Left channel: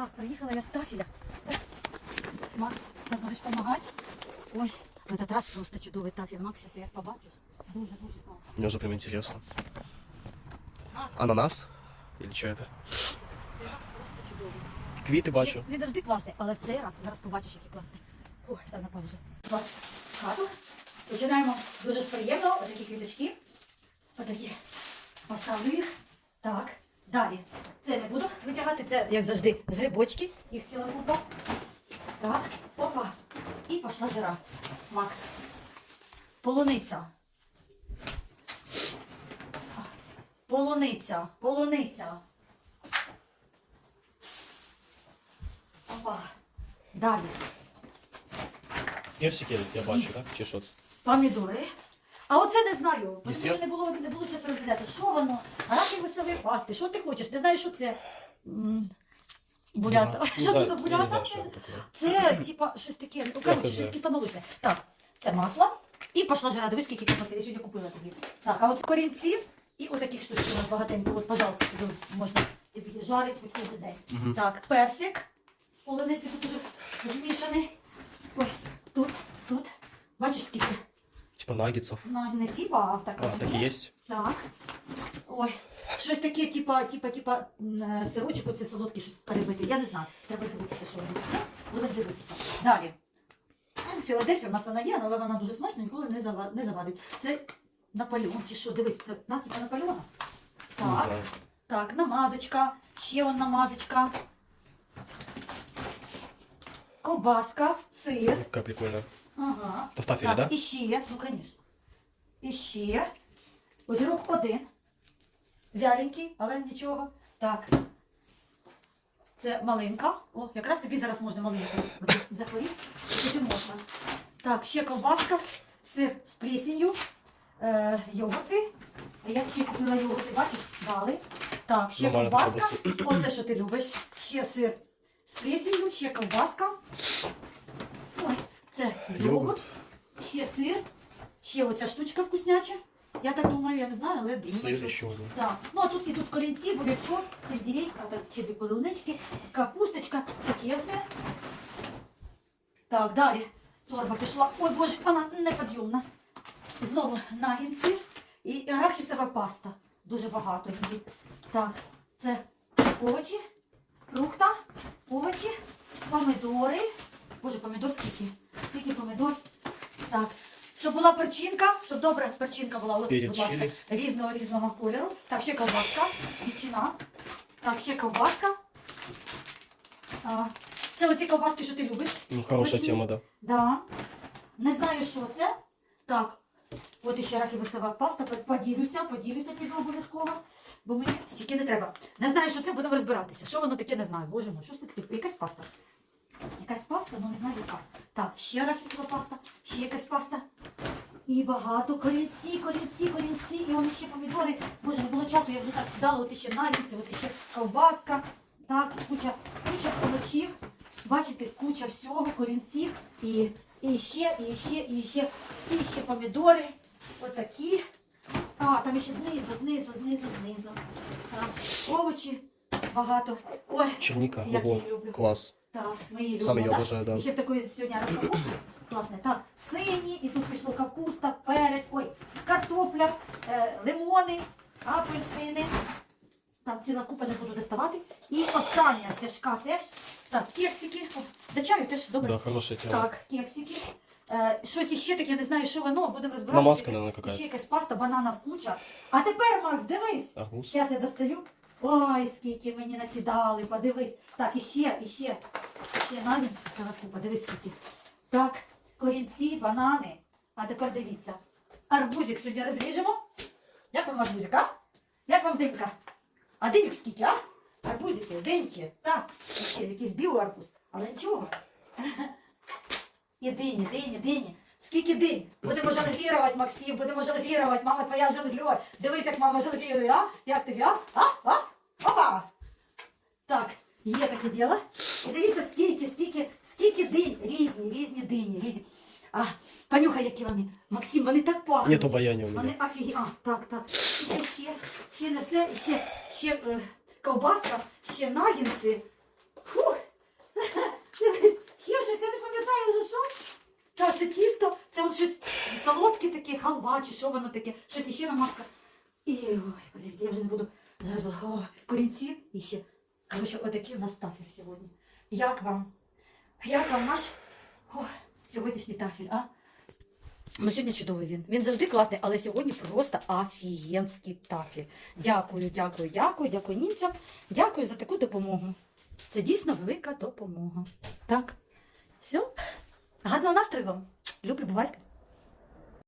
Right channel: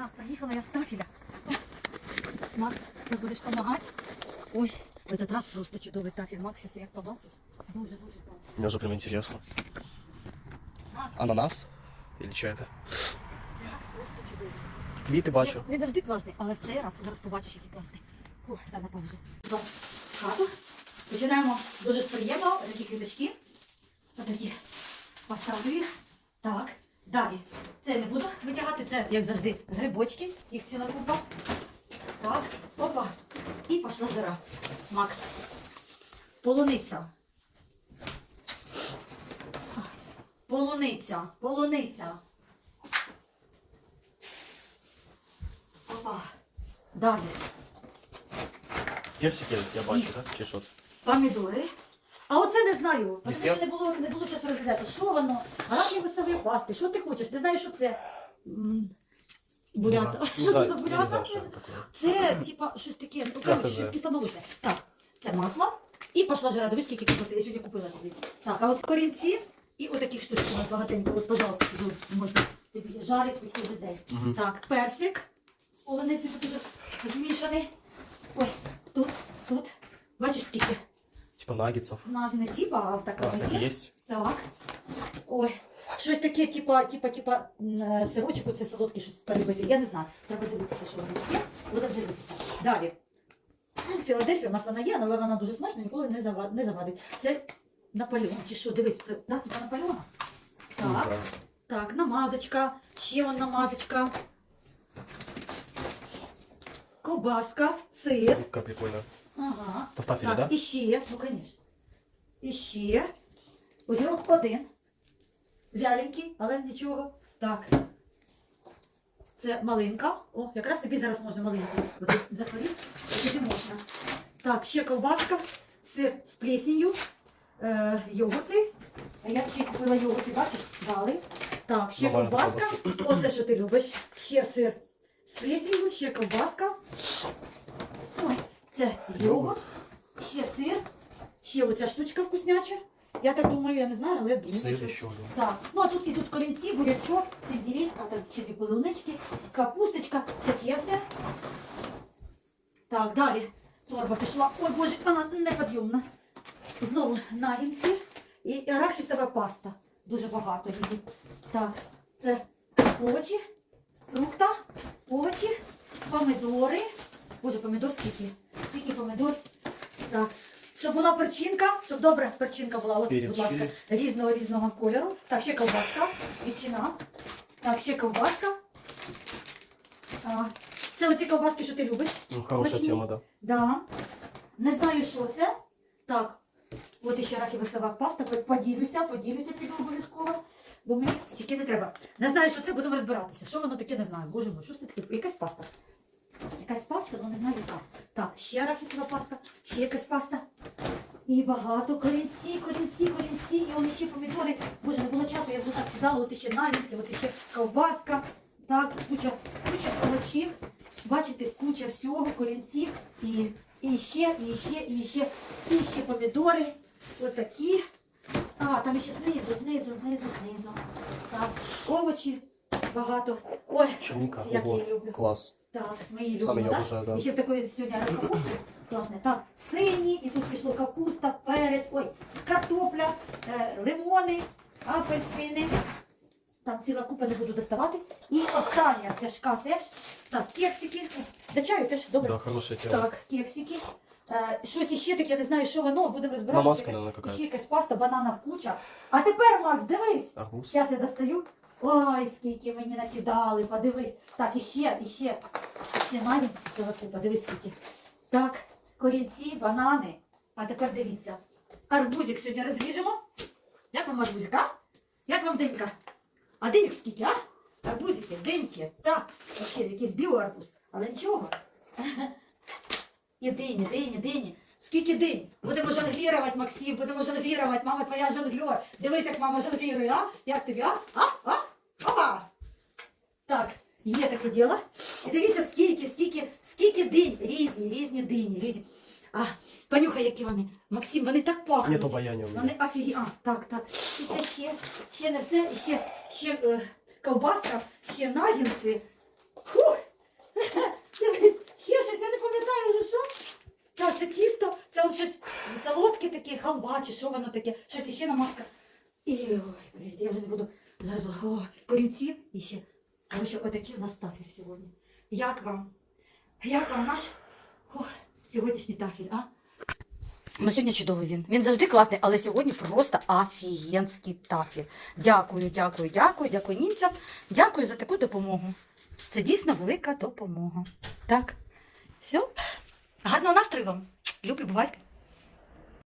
Так, приїхала я з Тафіля. Макс, ти будеш допомагати? Ой, в этот раз просто чудовий тафіль. Макс, зараз як побачиш. Дуже, дуже класно. Мне уже прям интересно. Ананас? Или что это? цей раз просто чудовий. Квіти бачу. Він завжди класний, але в цей раз зараз побачиш, який класний. Ой, став на паузу. Будь ласка, хату. Починаємо дуже приємно. Такі квіточки. Отакі. Поставлю їх. Так. Далі. Це не буду витягати, це, як завжди, грибочки. Їх ціла купа. Так. Опа. І пішла жара. Макс. Полуниця. Полуниця. Полуниця. Опа. Далі. Персики я бачу, так? Чи що це? Помідори. А оце не знаю. Тому що не було, не було часу розглядати. Що воно? Арахіві висові пасти. Що ти хочеш? Ти знаєш, що це? Бурята. Що це за бурята? це типа, щось таке, ну, коротше, щось кисломолочне. Так, це масло. І пішла жара. Дивись, скільки капусти. Я сьогодні купила тобі. Так, а от корінці і отаких штучок у нас багатенько. От, пожалуйста, можна тобі жарить від кожен день. Так, персик. З полуниці тут уже змішаний. Ой, тут, тут. Бачиш, скільки? Типа наггетсов. На, не типа, а так. А, так і есть. Так. Ой. Щось таке, типа, типа, типа, м, сирочок, оце солодкий, щось перебити. Я не знаю. Треба дивитися, що воно є. Будемо дивитися. Далі. Філадельфія у нас вона є, але вона дуже смачна, ніколи не, зава- не завадить. Це Наполеон, чи що? Дивись, це да, типа Наполеона. Не Так. знаю. Так, намазочка. Ще вон намазочка. Ковбаска, сир. Как прикольно. Ага. То в тафеле, так, да? І ще, ну звісно. І ще. Огірок один. Вяленький, але нічого. Так. Це малинка. О, якраз тобі зараз можна малинку. Захворів, тобі можна. Так, ще ковбаска, сир з плесенью, е, йогурти. А я ще купила йогурти, бачиш, дали. Так, ще Нормально ковбаска. Оце, що ти любиш. Ще сир з плесенью, ще ковбаска. Це йогурт. Ще сир, ще оця штучка вкусняча. Я так думаю, я не знаю, але думаю, Сыр що... один. Так, ну а тут ідуть корінці, бурячок, сельдерейка, так, ще дві полунички, капусточка, таке все. Так, далі торба пішла. Ой, боже, вона неподйомна. Знову нагінці і арахісова паста. Дуже багато її. Так, це овочі, фрукта, овочі, помидори. Боже, помидор скільки? Скільки помидор? Так. Щоб була перчинка, щоб добра перчинка була. От, будь ласка, різного різного кольору. Так, ще ковбаска, ветчина. Так, ще ковбаска. А, це оці ковбаски, що ти любиш. Ну, Смачні. тема, да. Да. Не знаю, що це. Так, от іще рахівицева паста. Поділюся, поділюся піду обов'язково. Бо мені стільки не треба. Не знаю, що це, будемо розбиратися. Що воно таке, не знаю. Боже мой, що це таке? Якась паста. Якась паста, ну не знаю яка. Так, ще арахісова паста, ще якась паста. І багато корінці, корінці, корінці, і вони ще помідори. Боже, не було часу, я вже так кидала, от іще нагідці, от іще ковбаска. Так, куча, куча овочів. Бачите, куча всього, корінців. І, і ще, і ще, і ще, і ще помідори. Отакі. А, там ще знизу, знизу, знизу, знизу. Так, овочі багато. Ой, Черника. як я люблю. Класс. Так, ми її Саме любимо, я так? обожаю, да. І ще в такої сьогодні розпаковки. Класне. Так, сині, і тут пішло капуста, перець, ой, картопля, е, лимони, апельсини. Там ціла купа не буду доставати. І остання тяжка теж. Так, кексики. О, чаю теж добре. Да, хорошая тема. Так, кексики. Е, щось іще таке, я не знаю, що воно, будемо розбиратися. Намазка, наверное, Ще якась паста, банана куча. А тепер, Макс, дивись. Арбуз. Зараз я достаю. Ой, скільки мені накидали, подивись. Так, іще, іще, іще навіть ціла купа, скільки. Так, корінці, банани. А тепер дивіться. Арбузик сьогодні розріжемо. Як вам арбузик, а? Як вам денька? А деньок скільки, а? Арбузики, деньки. Так, ще якийсь біоарбуз. Але нічого. І дині, дині, дині. Скільки динь? Будемо жонглірувати, Максим, будемо жонглірувати. Мама твоя жонглер. Дивись, як мама жонглірує, а? Як тобі, а? А? А? Є таке діло. І дивіться, скільки, скільки, скільки динь, різні, різні дині, різні. А, понюхай, які вони. Максим, вони так пахнуть. Нету баянів у мене. Вони офігі. А, так, так. Це ще, ще не все, ще, ще е, ковбаска, ще нагінці. Фух. Ще щось, я не пам'ятаю вже що. Так, це тісто, це щось солодке таке, халва, чи що воно таке, щось іще намазка. І ой, я вже не буду зараз. О, корінці і ще. Коротше, отакі у нас тафель сьогодні. Як вам? Як вам наш Ой, сьогоднішній тафель, а? Ну, сьогодні чудовий він. Він завжди класний, але сьогодні просто офігенський тафель. Дякую, дякую, дякую, дякую німцям. Дякую за таку допомогу. Це дійсно велика допомога. Так. Все. Гарного настрою вам. Люблю, бувайте.